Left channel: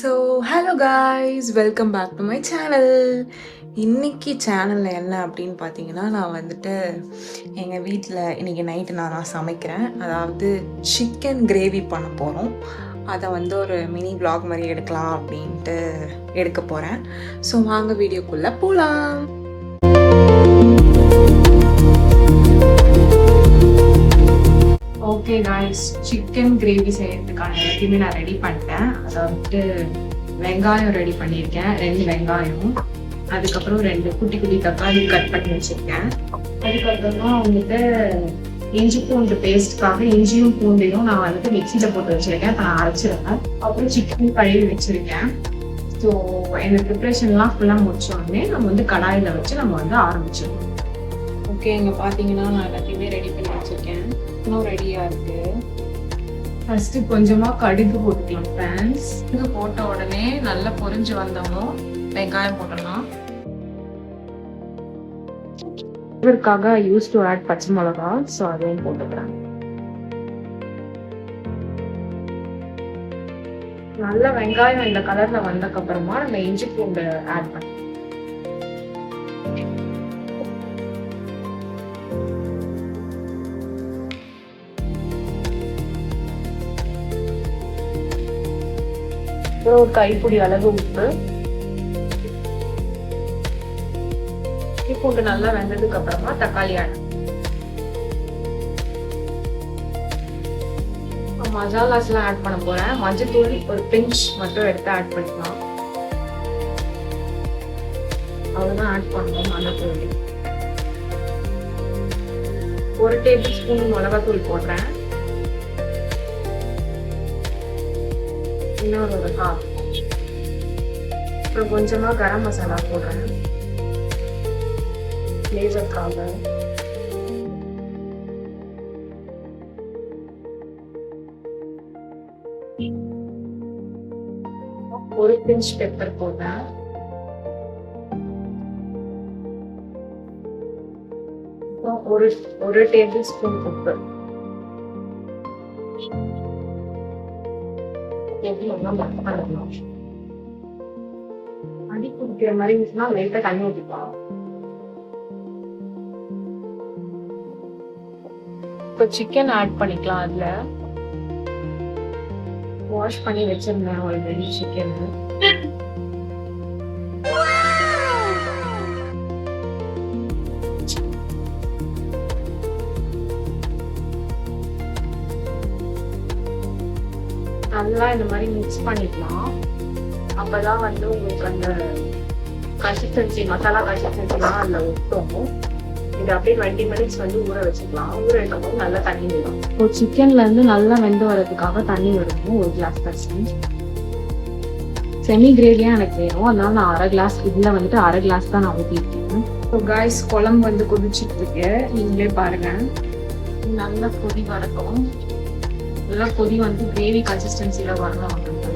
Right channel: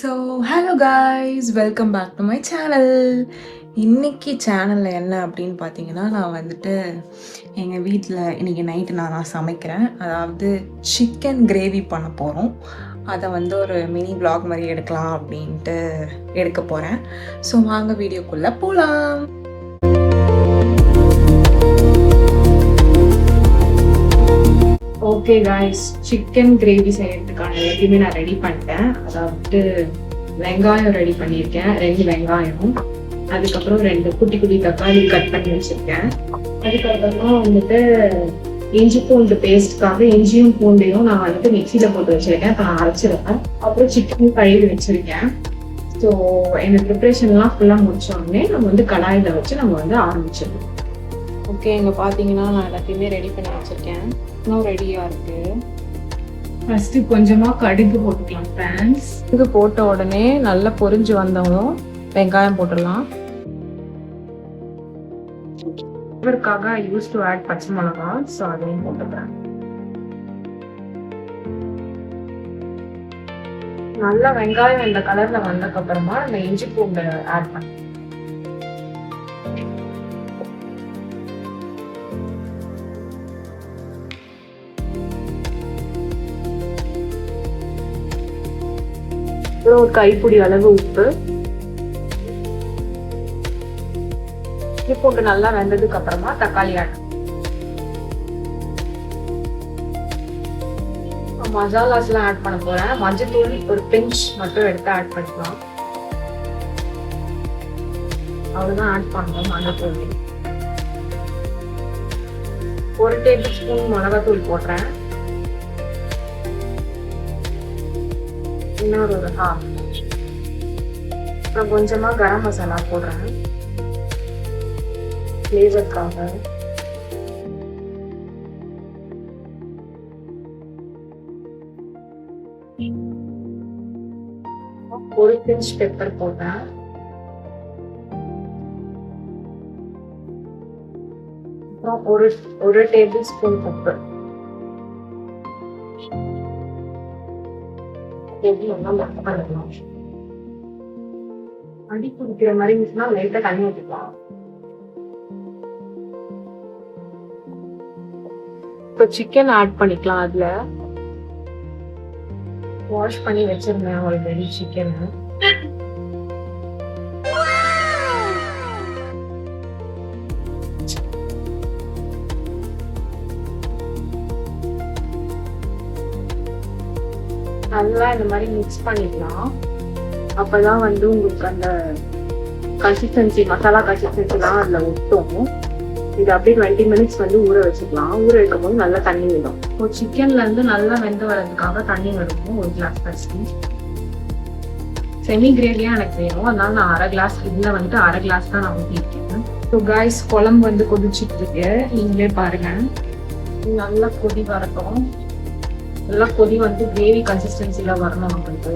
So hello guys, welcome back to my channel. இன்னைக்கு சேனலில் என்ன அப்படின்னு பார்த்தீங்கன்னா, நான் வந்துட்டு எங்கள் வீட்டில் இன்றைக்கி நைட்டு நான் சமைக்கிறேன். அதாவது சிக்கன் கிரேவி பண்ண போகிறோம். அதை வந்து ஒரு மினி vlog மாதிரி எடுக்கலாம் அப்படின்ட்டு எடுக்க போகிறேன். ஸோ வாங்க வீடியோக்குள்ளே போகலாம். ஓகே காய்ஸ், சிக்கன் கிரேவி செய்யறதுக்கான எல்லாத்தையுமே நான் ரெடி பண்ணிட்டேன். அதாவது வெங்காயம் ரெடி பண்ணியிருக்கேன், 2 வெங்காயம், அதுக்கப்புறம் 2 குட்டி குட்டி தக்காளி கட் பண்ணி வச்சிருக்கேன். அதுக்கப்புறமா வந்துட்டு இஞ்சி பூண்டு பேஸ்ட்காக இஞ்சியும் பூண்டையும் நான் வந்துட்டு மிக்சியில போட்டு வச்சிருக்கேன். இப்போ நான் அரைச்சிருக்கேன். அப்புறம் சிக்கன் கழுவி வச்சிருக்கேன். ஸோ இந்த ப்ரிப்ரேஷன்லாம் ஃபுல்லாக முடிச்சோடனே நம்ம வந்து கடாயில் வச்சு நம்ம வந்து ஆரம்பிச்சிடணும். ஓகே, இங்கே பார்த்தீங்கன்னா நான் எல்லாத்தையுமே ரெடி பண்ணி வச்சிருக்கேன். இன்னும் ரெடியாக இருக்கு. ஃபர்ஸ்ட் கொஞ்சமாக கடுகு போட்டுக்கலாம் ஃப்ரெண்ட்ஸ். இது போட்ட உடனே நல்லா பொரிஞ்சு வந்தவங்களும் வெங்காயம் போட்டுடலாம். இதற்காக யூஸ் டு ஆட் பச்சை மிளகா, ஸோ அதையும் போட்டுக்கிறேன். நல்லா வெங்காயம் இந்த கலர்ல வந்ததுக்கு அப்புறமா நம்ம இஞ்சி பூண்டு ஆட் பண்ணி ஒரு கைப்பிடி அளவு உப்பு. பூண்டு நல்லா வெந்ததுக்கு அப்புறமா தக்காளி ஆட். மசாலாஸ் எல்லாம் ஆட் பண்ண போறேன். மஞ்சத்தூள் ஒரு பிஞ்ச் மட்டும் எடுத்து ஆட் பண்ணிக்கலாம். அவ்வளவுதான் ஆட் பண்ணணும். மஞ்சத்தூள் 1 டேபிள் ஸ்பூன் மிளகாத்தூள் போடுறேன். அப்புறம் கொஞ்சமா கரம் மசாலா போடுறேன் ஃப்ளேவர்க்காக. ஒரு பிஞ்ச் பெப்பர் போடுறேன். அப்புறம் ஒரு டேபிள் ஸ்பூன் பெப்பர். அடி குடிக்கிற மாதிரி இருந்துச்சுன்னா லைட்டா தண்ணி ஊற்றிக்கலாம். இப்போ சிக்கன் ஆட் பண்ணிக்கலாம். அதுல வாஷ் பண்ணி வச்சிருந்தேன் ஆல்ரெடி சிக்கன். நல்லா இந்த மாதிரி மிக்ஸ் பண்ணிக்கலாம். அப்பதான் வந்து உங்களுக்கு அந்த கன்சிஸ்டன்சி, மசாலா கன்சிஸ்டன்சிலாம் அதுல ஊற்றும். இது அப்படியே 20 மினிட்ஸ் வந்து ஊற வச்சுக்கலாம். ஊற வைக்கும் போது நல்லா தண்ணி விடும். இப்போ சிக்கன்ல இருந்து நல்லா வெந்து வர்றதுக்காக தண்ணி விடணும். 1 கிளாஸ் பச்சு செமி கிரேவியா எனக்கு வேணும். அதனால நான் 1/2 கிளாஸ், இதுல வந்துட்டு 1/2 கிளாஸ் தான் நான் ஊற்றிருக்கேன். ஸோ காய்ஸ், குழம்பு வந்து கொதிச்சுட்டு இருக்கு. நீங்களே பாருங்க. நல்லா கொதி வரட்டும். நல்லா கொதி வந்து கிரேவி கன்சிஸ்டன்சில வரணும். அப்படின்ட்டு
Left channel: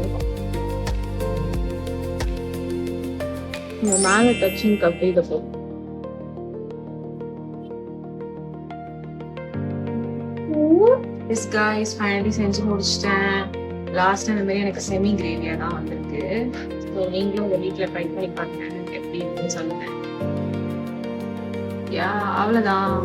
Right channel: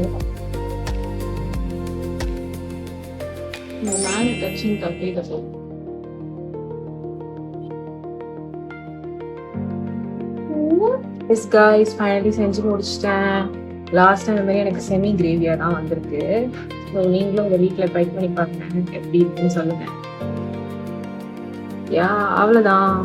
மேல டச்சிங் கப்பி இதை போகும். எஸ் காய்ஸ், ஃபைனலி செஞ்சு முடிச்சிட்டேன். லாஸ்ட் அந்த மாதிரி எனக்கு செமி கிரேவியா தான் வந்திருக்கு. ஸோ நீங்களும் உங்க வீட்டில் ட்ரை பண்ணி பாருங்க, எப்படி இருக்குன்னு சொல்லுங்க. யா, அவ்வளோதான்.